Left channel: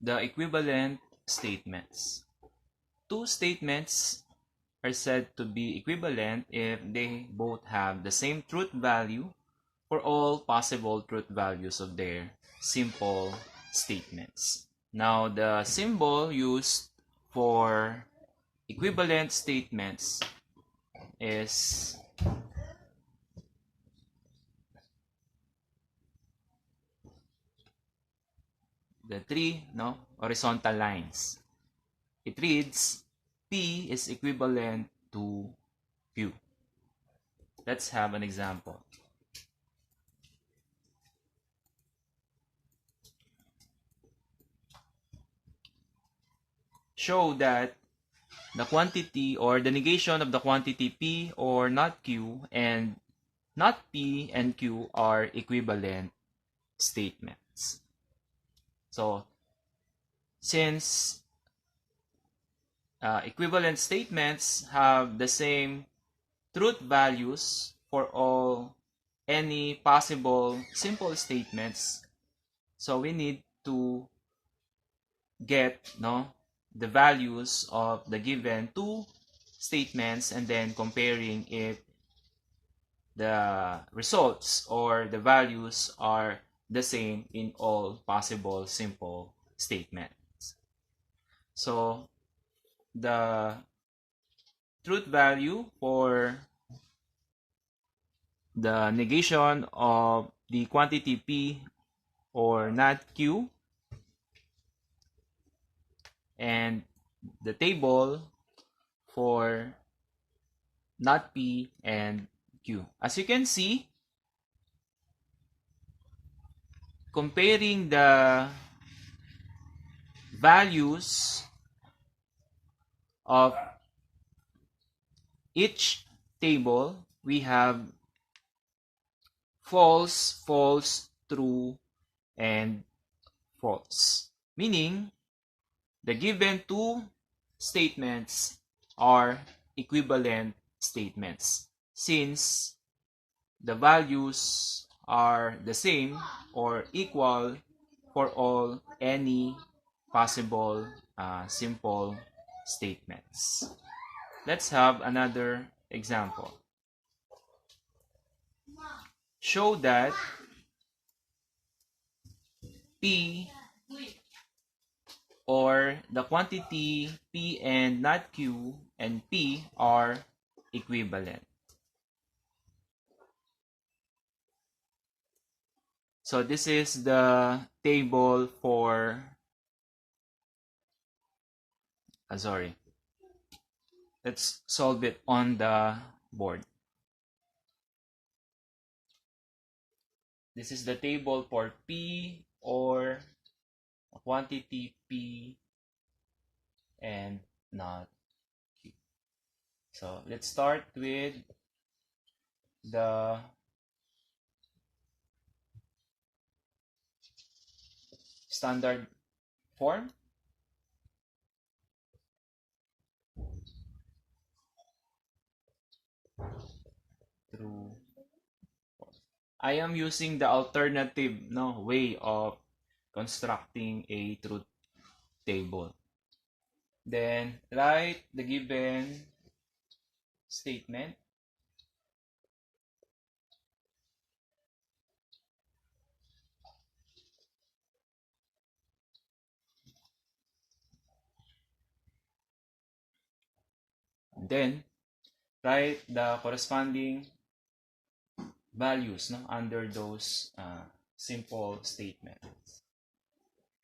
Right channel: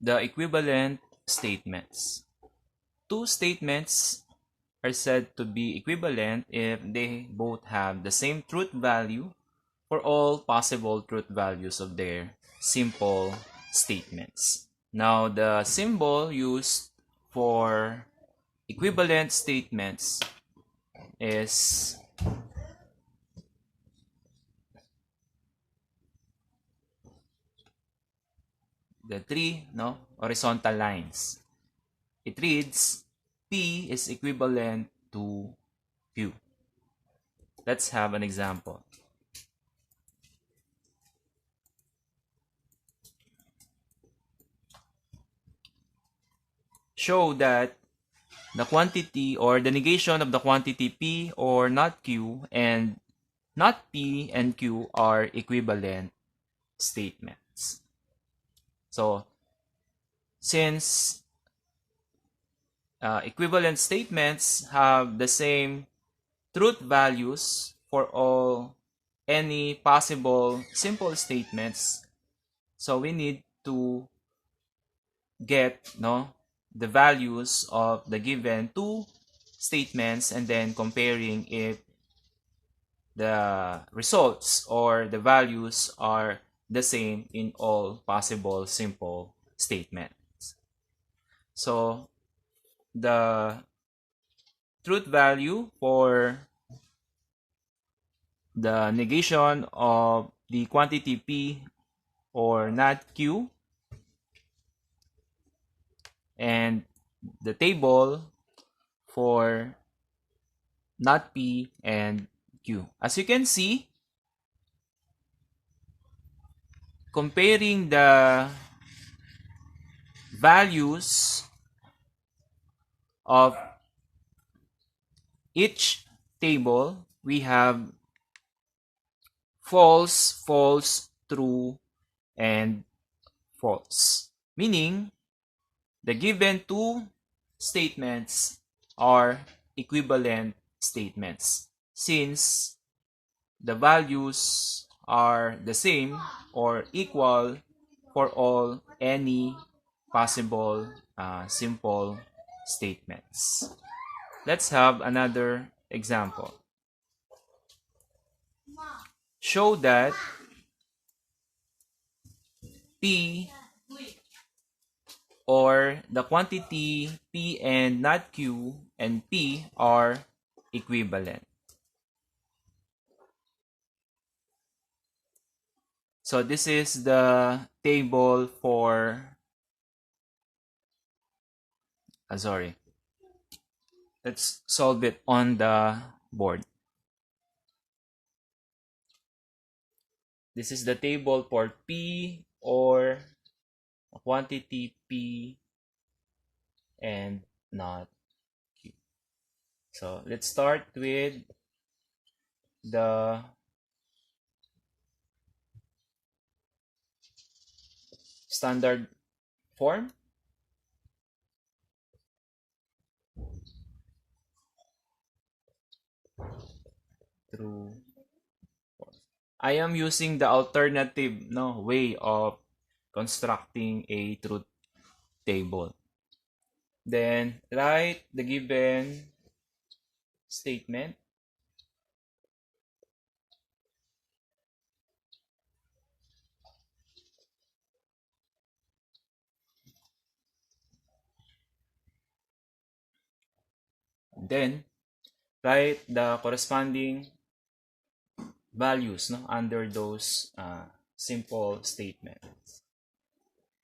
the equivalent statements. Two statements are said to be equivalent if they both have the same truth value for all possible truth values of their simple statements. Now, the symbol used for equivalent statements is the three horizontal lines. It reads P is equivalent to Q. Let's have an example. Show that the quantity or the negation of the quantity P or not Q and not P and Q are equivalent statements. So, since equivalent statements have the same truth values for all any possible simple statements, so we need to get the values of the given two statements and then comparing if the results or the values are the same in all possible simple statements. So the truth value for the negation of the quantity P or not Q and the table for not P and Q. As you can see, comparing the values of each table, we have false, false, true, and false. Meaning, the given two statements are equivalent statements since the values are the same or equal for all any possible simple statements. Let's have another example. Show that P or the quantity P and not Q and P are equivalent. So this is the table for let's solve it on the board. This is the table for P or quantity P and not Q. So let's start with the standard form. True. I am using the alternative way of constructing a truth table. Then write the given statement. Then write the corresponding values under those simple statements.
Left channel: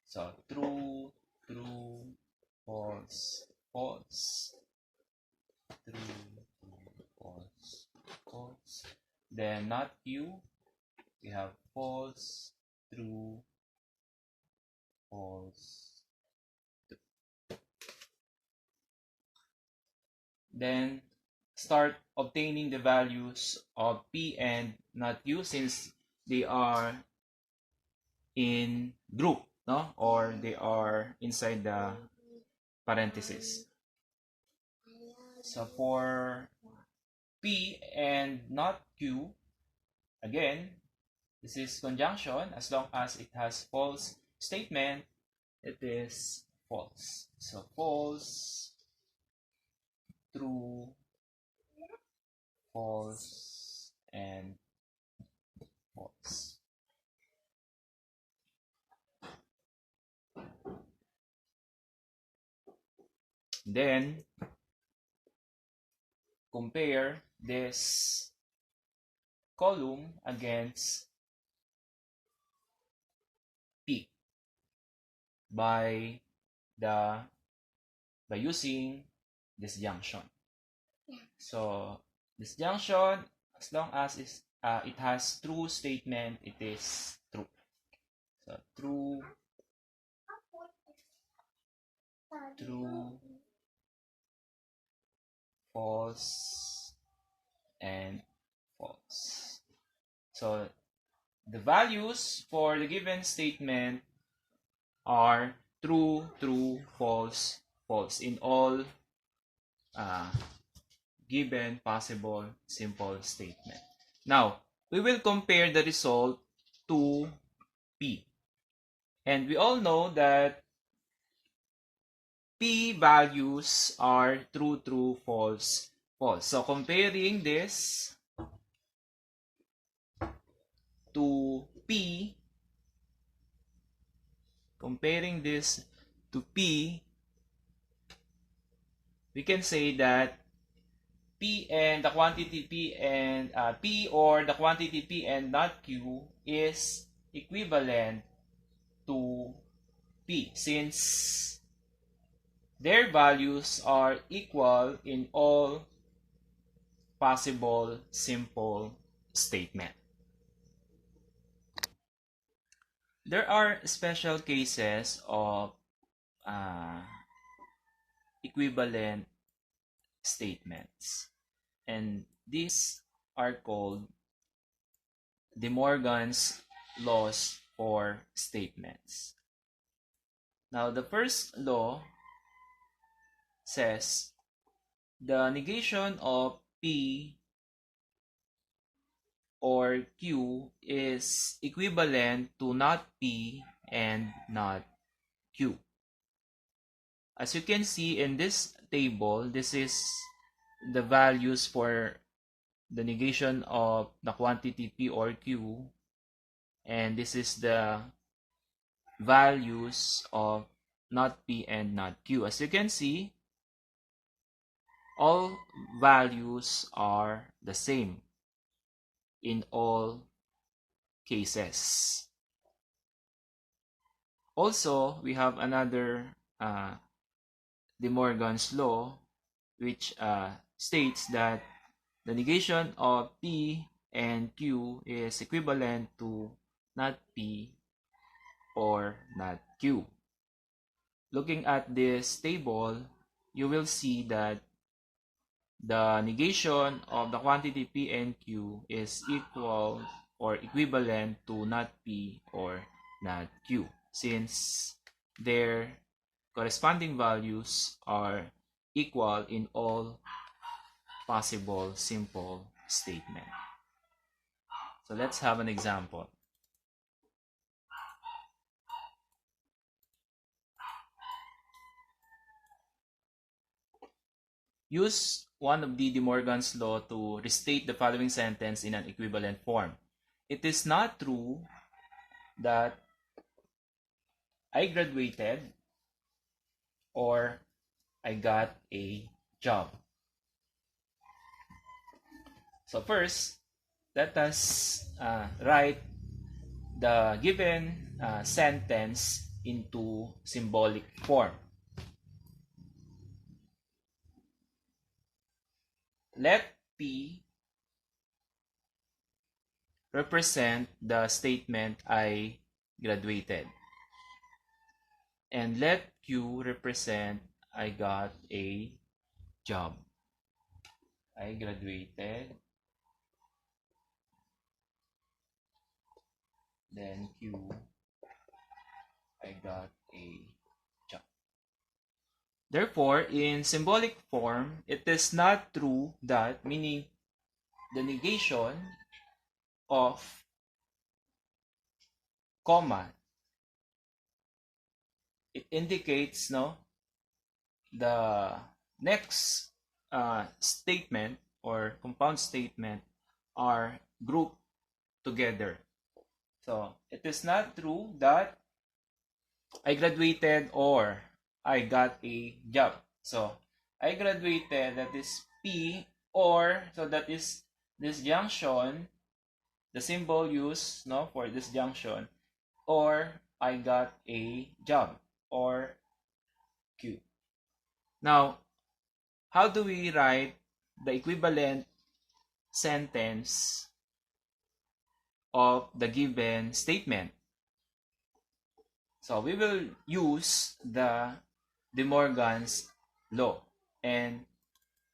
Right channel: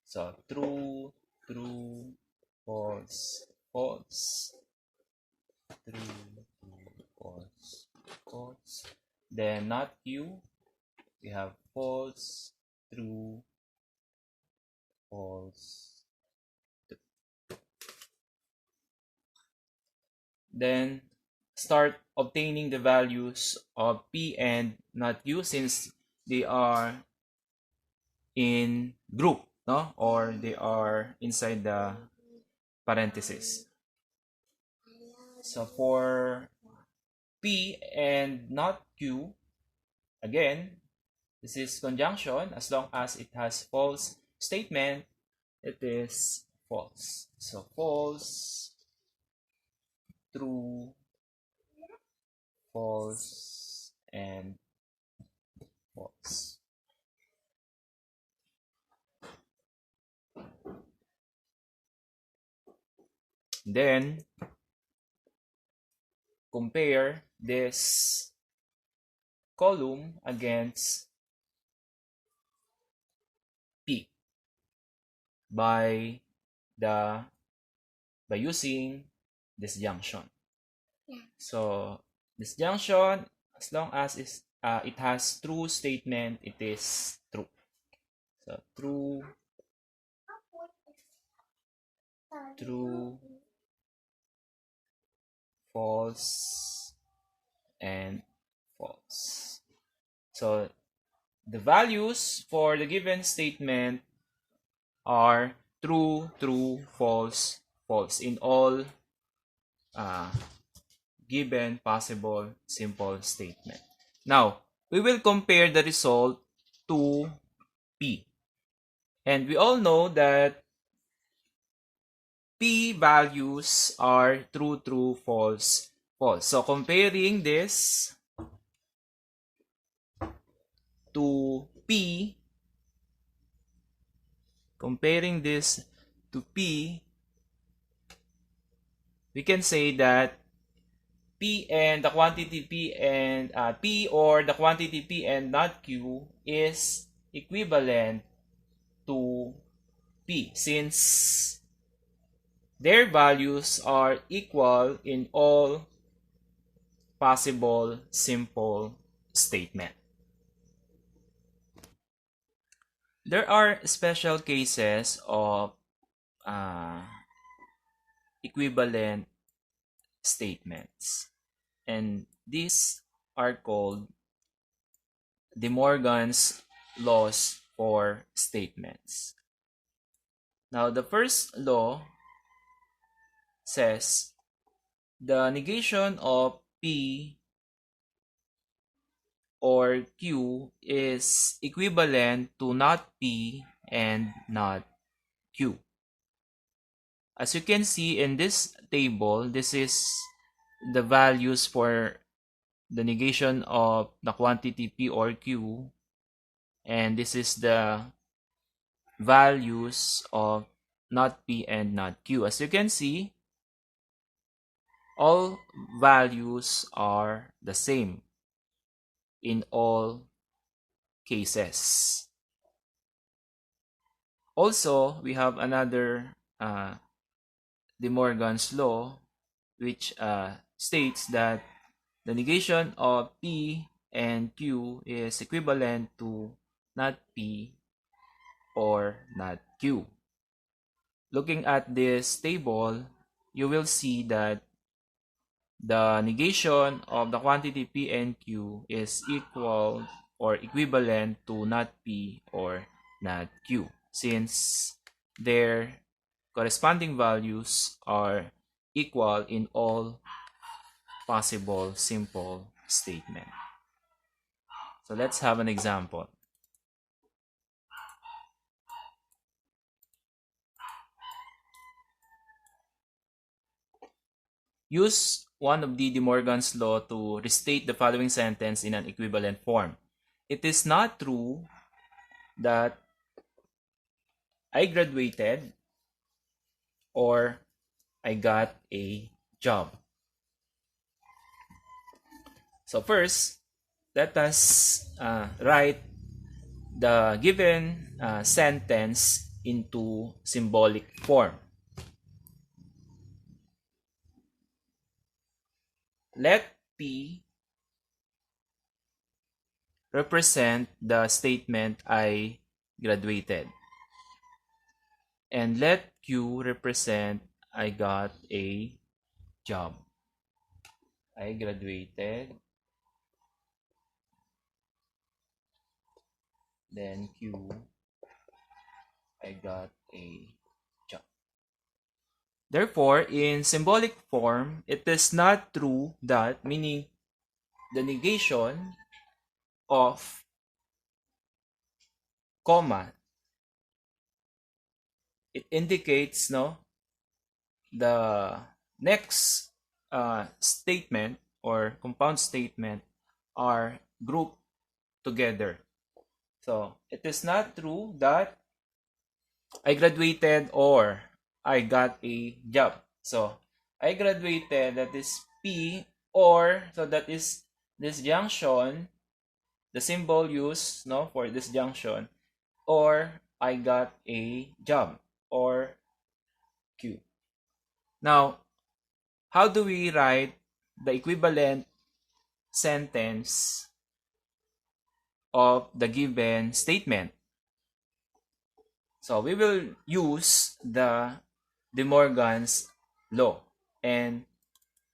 So true, true, false, false, true, false, false. Then not Q, we have false, true, false. Then start obtaining the values of P and not Q since they are in group, or they are inside the parentheses. So for P and not Q, again, this is conjunction as long as it has false statement it is false. So false, true, false, and false. Then compare this column against P by the by using disjunction. So disjunction, as long as it has true statement, it is true. So true, true, false, and false. So the values for the given statement are true, true, false, false in all given possible simple statement. Now, we will compare the result to P. And we all know that P values are true, true, false, false. So comparing this to P, we can say that P and the quantity P and P or the quantity P and not Q is equivalent to P since their values are equal in all possible simple statement. There are special cases of equivalent statements, and these are called De Morgan's laws for statements. Now, the first law says the negation of P or Q is equivalent to not P and not Q. As you can see in this table, this is the values for the negation of the quantity P or Q, and this is the values of not P and not Q. As you can see, all values are the same in all cases. Also, we have another De Morgan's law, which states that the negation of P and Q is equivalent to not P or not Q. Looking at this table, you will see that the negation of the quantity P and Q is equal or equivalent to not P or not Q, since their corresponding values are equal in all possible simple statement. So let's have an example. Use one of De Morgan's law to restate the following sentence in an equivalent form. It is not true that I graduated or I got a job. So first, let us write the given sentence into symbolic form. Let P represent the statement I graduated, and let Q represent I got a job. I graduated, then Q, I got a job. Therefore, in symbolic form, it is not true that, meaning the negation of comma it indicates no the next statement or compound statement are grouped together. So it is not true that I graduated or I got a job. So I graduated, that is P, or so that is this junction, the symbol used no for this junction, or I got a job, or Q. Now, how do we write the equivalent sentence of the given statement? So we will use the De Morgan's law, and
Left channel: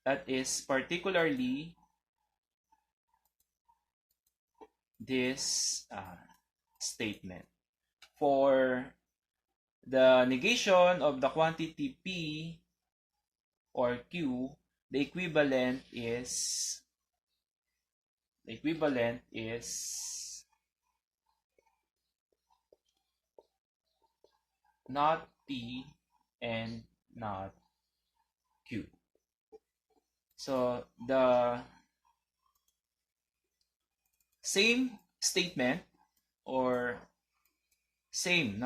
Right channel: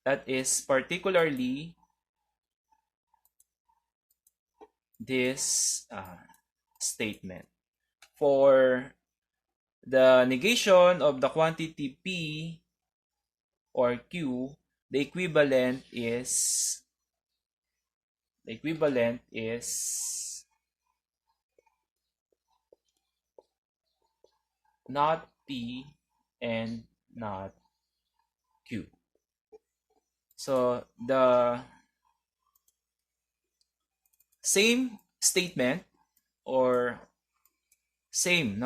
that is particularly this statement. For the negation of the quantity P or Q, the equivalent is not P and not Q. So the same statement or same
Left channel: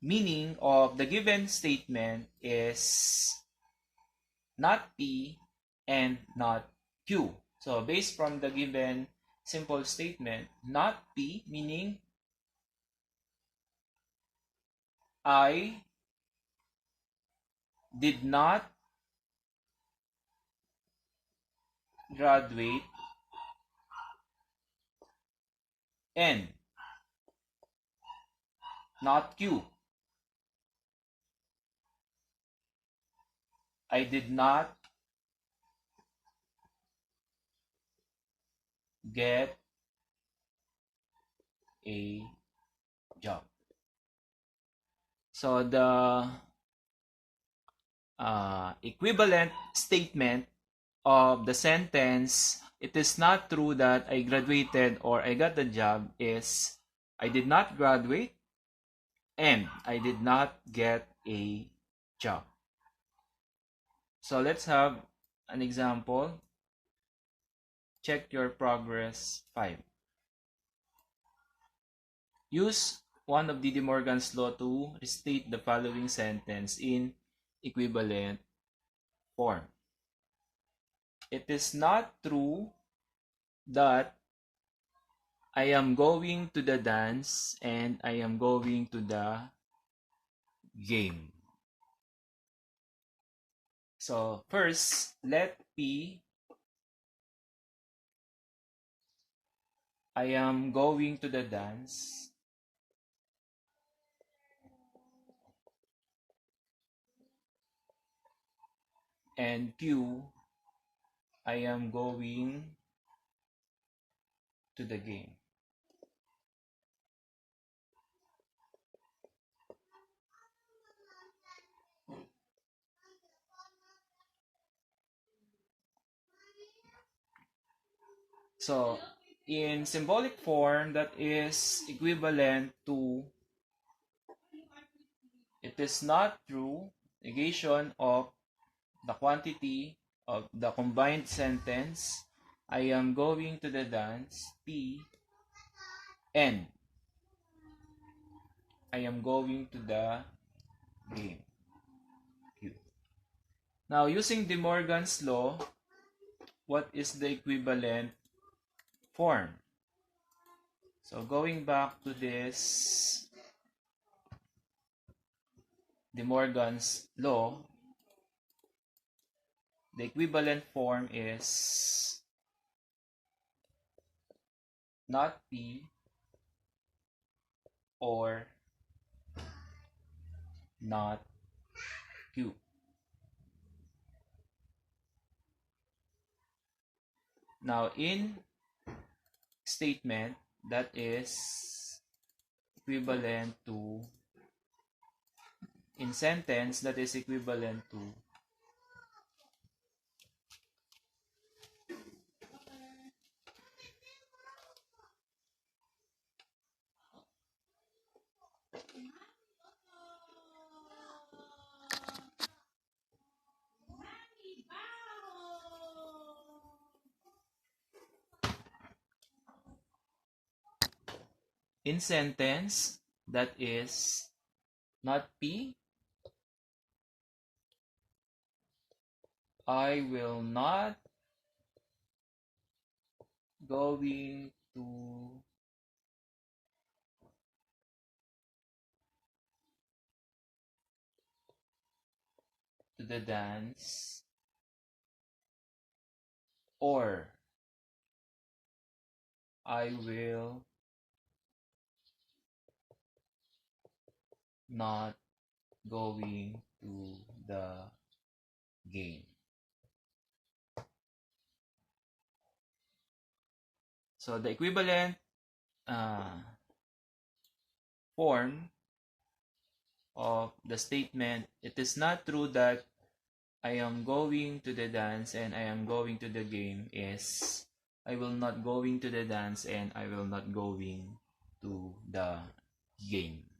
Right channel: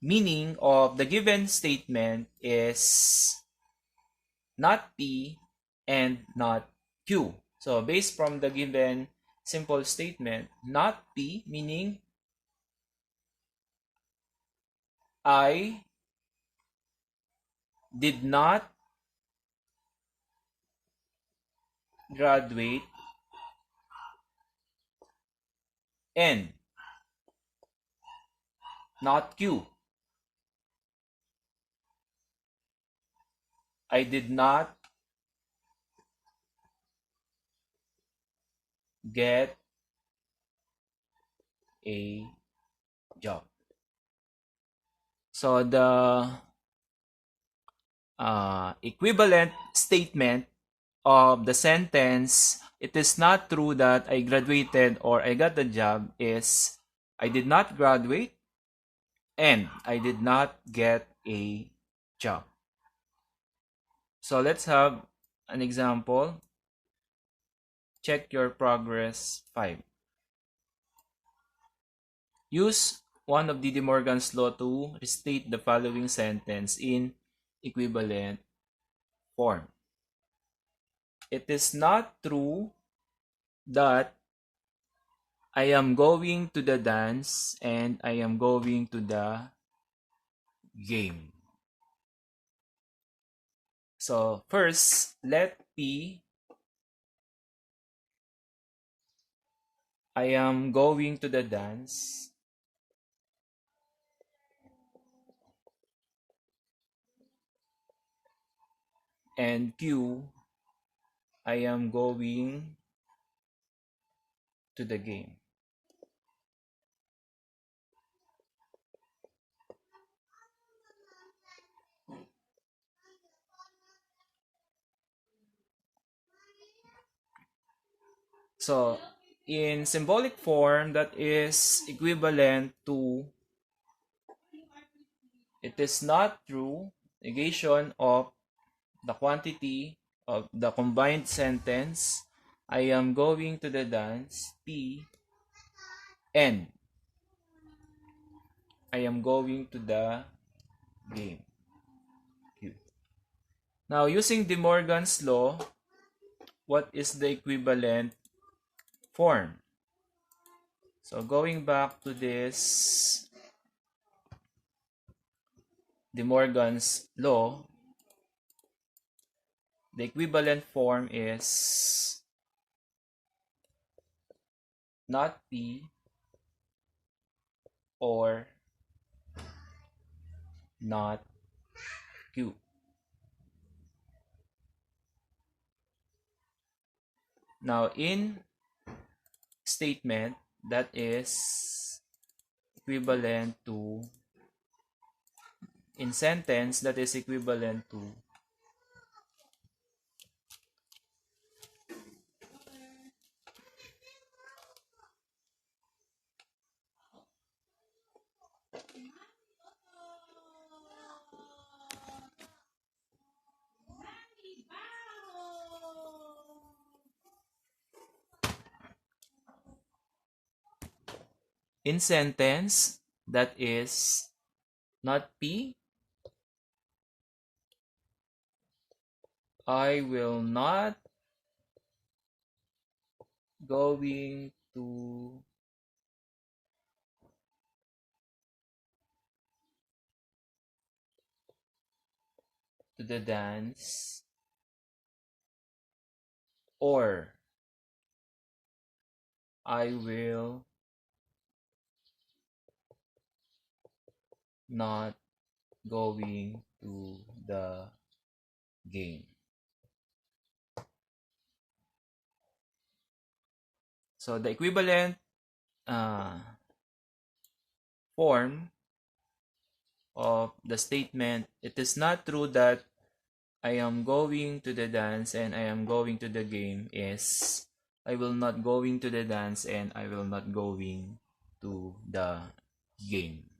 meaning of the given statement is not P and not Q. So based from the given simple statement, not P meaning I did not graduate, and not Q, I did not get a job. So the equivalent statement of the sentence, it is not true that I graduated or I got the job, is I did not graduate and I did not get a job. So let's have an example. Check your progress 5. Use one of De Morgan's law to restate the following sentence in equivalent form. It is not true that I am going to the dance and I am going to the game. So first, let P, I am going to the dance, and Q, I am going to the game. So in symbolic form, that is equivalent to it is not true, negation of the quantity of the combined sentence, I am going to the dance, P, and I am going to the game, Q. Now, using De Morgan's law, what is the equivalent form? So, going back to this De Morgan's law, the equivalent form is not P or not Q. Now, in statement, that is equivalent to, in sentence, that is equivalent to in sentence that is not P, I will not going to the dance, or I will not going to the game. So the equivalent uh, form of the statement, it is not true that I am going to the dance and I am going to the game, is I will not going to the dance and I will not going to the game.